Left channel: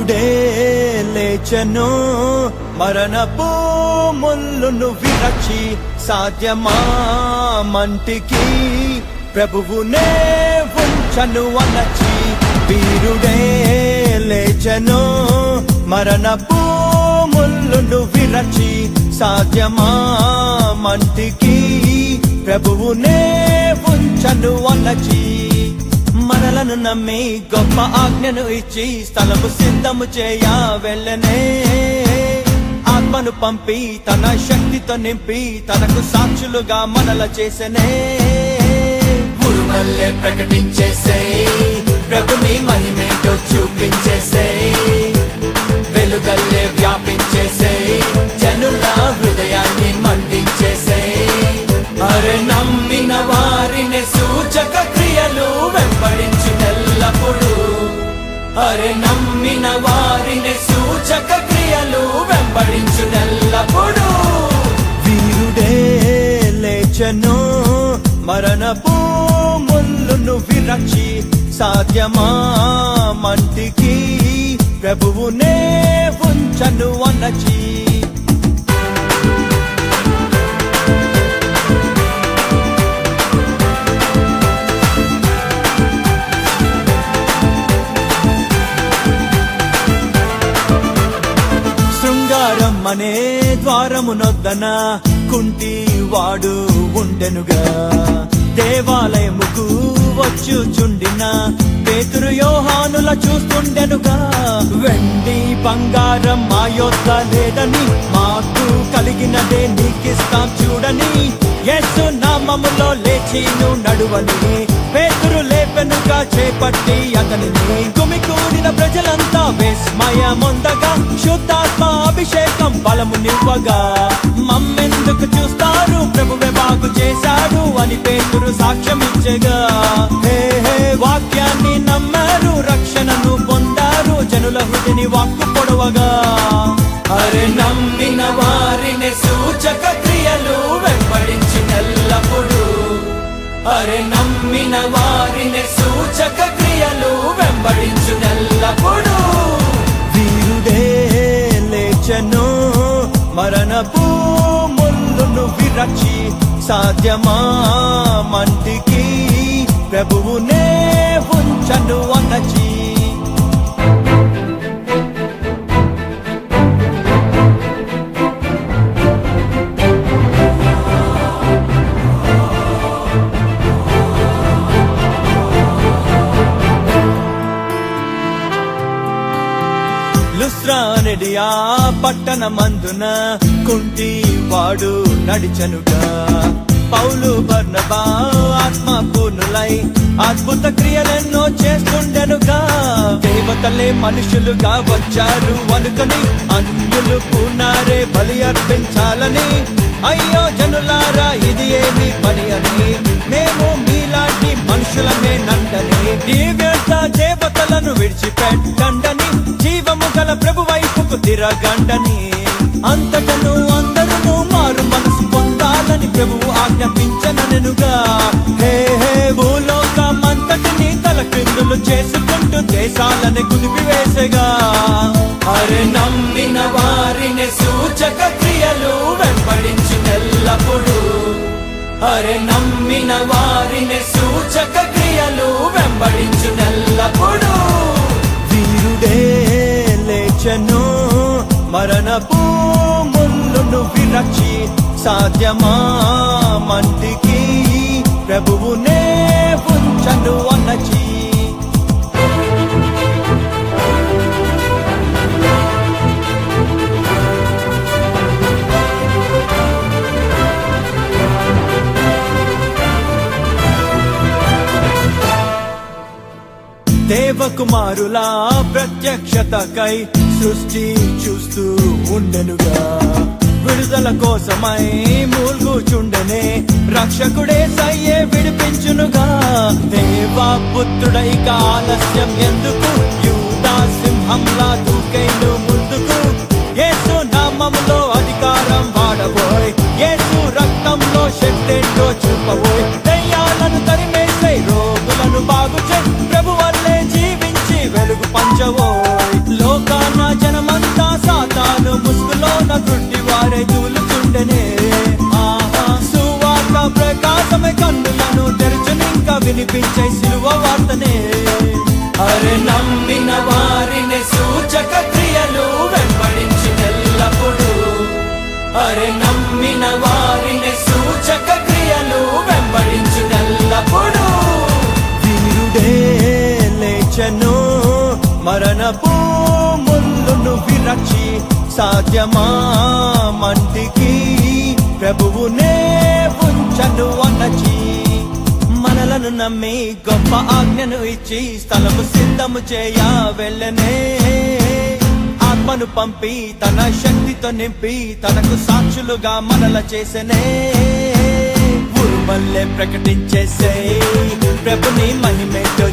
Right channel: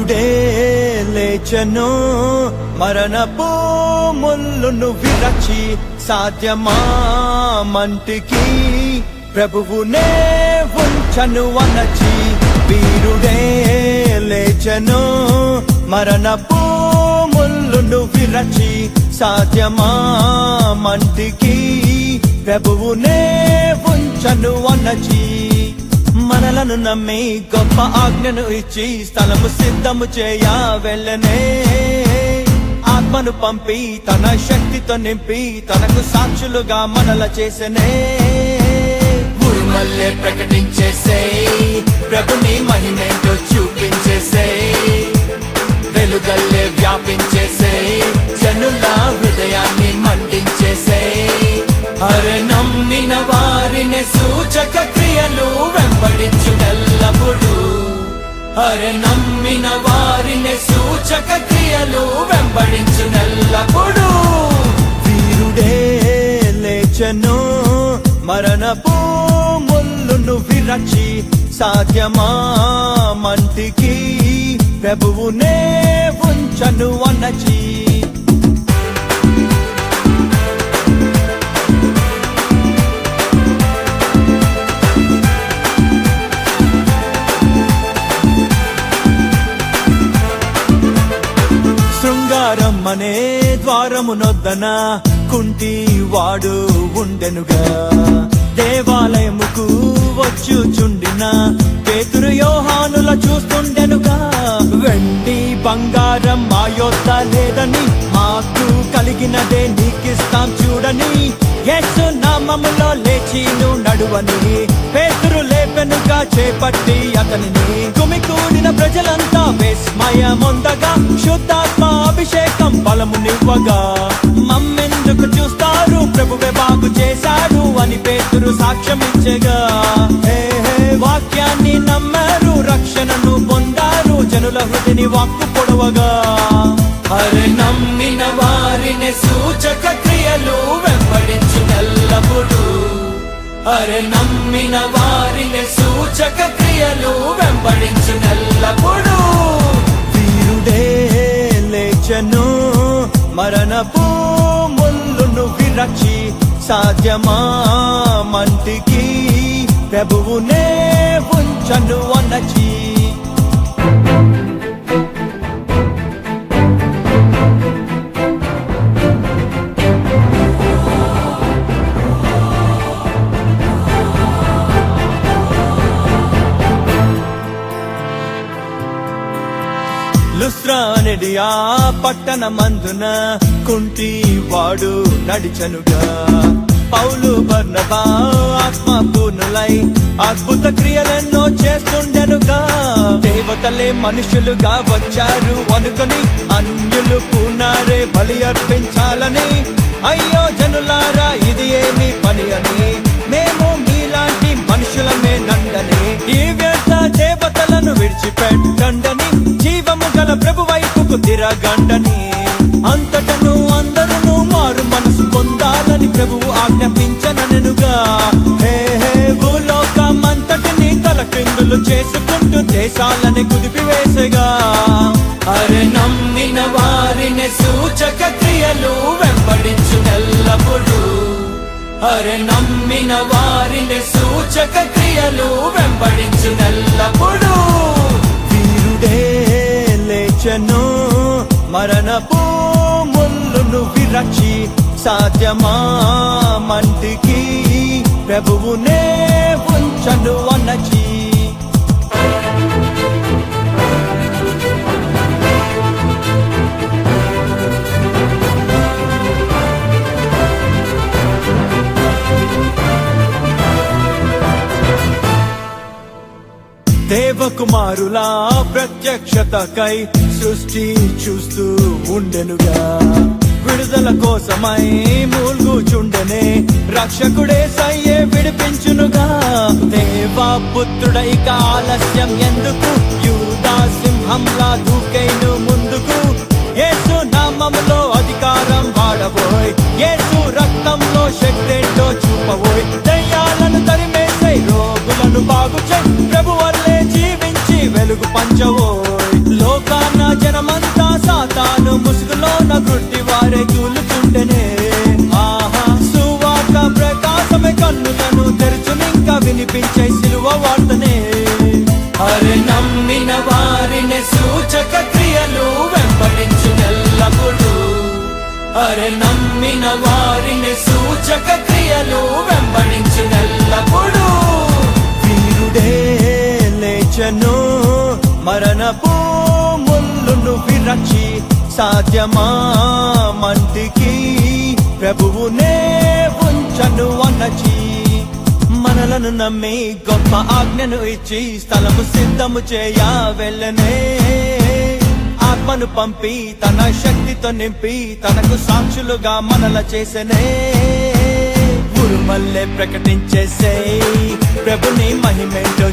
వీరుడే లేచెను మరణపు ముళ్ళును విరచి సాధ్యమా మంటికి ప్రభువునే ఉంచను అనచి వీరుడే లేచెను మరణపు ముళ్ళును విరచి సాధ్యమా మంటికి ప్రభువునే ఉంచను అనచి మరలను నమ్మి గొప్ప ఆజ్ఞను ఇచ్చి స్థలము సిద్ధము చేయ వెళ్ళనే ఆత్మను పంపి తన శక్తితో నింపి తనకు సాక్షులుగా మనల చేసనే పురుమల్లే ప్రకటించేసే ప్రభుని మహిమేంటో చూపించేసే వెలుగల్లే వ్యాపించేసే జనుల హృదయాన్ని మండించేసే అరే నమ్మిన వారిని సూచక క్రియలు వెంబడించుటెల్లప్పుడు అరే నమ్మిన వారిని సూచక క్రియలు వెంబడించుటెల్లప్పుడు వీరుడే లేచెను మరణపు ముళ్ళును విరచి సాధ్యమా మంటికి ప్రభువునే ఉంచను అనచి అనే ద్వారమునొద్దన కుంటి వాడు ఉండెనుగా దేవాలయముకు వచ్చుచుండిన పేతురు యోహానుల చూస్తుండెనుగా వెండి బంగారం మా యొద్ద లేదని మాకు కలిగినదే నీకిస్తా చూడని యేసు నామములో లేచిను నడువని పేతురు లేపెనుగా చేపట్టి అతనిని గుమికూడిన ప్రజలంతా విస్మయముందగా శుద్ధాత్మ అభిషేకం బలము నింపగా మమ్మెందుకు చూస్తారు ప్రభువే బాగు చేశాడు అని పేతురు సాక్ష్యం ఇచ్చగా హే హే వాక్యాన్ని నమ్మారు రక్షణను పొందారు జనుల హృదిని వాక్కు పొడవగా అరే నమ్మిన వారిని సూచక క్రియలు వెంబడించుటెల్లప్పుడు అరే నమ్మిన వారిని సూచక క్రియలు వెంబడించుటెల్లప్పుడు వీరుడే లేచెను మరణపు ముళ్ళును విరచి సాధ్యమా మంటికి ప్రభువునే ఉంచను అనచి లుస్త్రానెడియా పట్టణమందున కుంటి వాడు నడిచనుగా పౌలు బర్నబా ఆత్మ పూర్ణులై అద్భుత క్రియలెన్నో చేస్తుండెనుగా దేవతలే మనుషులుగా వచ్చారు అనుకొని అన్యులు పూనారే బలి అర్పించాలని అయ్యో జనులారా ఇది ఏమి పని అని మేము మీలాంటి మనుషులమే నండని ఈ వ్యర్థ దేవతలను విడిచిపెట్టండని జీవము గల ప్రభు వైపుకు తిరగండని అంతటను అందరూ మారు మనసు పొందాలని ప్రభువు ఆజ్ఞాపించననుగా హే హే భూలోకమంతటిని తల క్రిందులు చేసుకుంటూ దేశాలని కుదిపివేసగా అరే నమ్మిన వారిని సూచక క్రియలు వెంబడించుటెల్లప్పుడు అరే నమ్మిన వారిని సూచక క్రియలు వెంబడించుటెల్లప్పుడు వీరుడే లేచెను మరణపు ముళ్ళును విరచి సాధ్యమా మంటికి ప్రభువునే ఉంచను అనచి దేవకుమారులా ప్రత్యక్షతకై సృష్టి చూస్తూ ఉండెనుగా విడుదల కోసమై మూల్గుచుండెనే రక్షకుడే సయ్యే విడిపించునుగా దేవా పుత్రుడై ఆలస్యం ఎందుకు యూదా సింహంలా దూకైను ముందుకు యేసు నామములో అధికారం వాడబోయ్ యేసు రక్తంలో శక్తేంటో చూపబోయ్ దయ్యాలను తరిమేసే రోగులను బాగు చే ప్రభు వల్లే జీవించి వెలుగు పంచవోయ్ లోక సాధ్యమా మంటికి ప్రభువునే ఉంచను అనచి మనలను నమ్మి గొప్ప ఆజ్ఞను ఇచ్చి స్థలము సిద్ధము చేయ వెళ్ళనే ఆత్మను పంపి తన శక్తితో నింపి తనకు సాక్షులుగా మనల చేసనే ఉరుమల్లే ప్రకటించేసే ప్రభుని మహిమేటో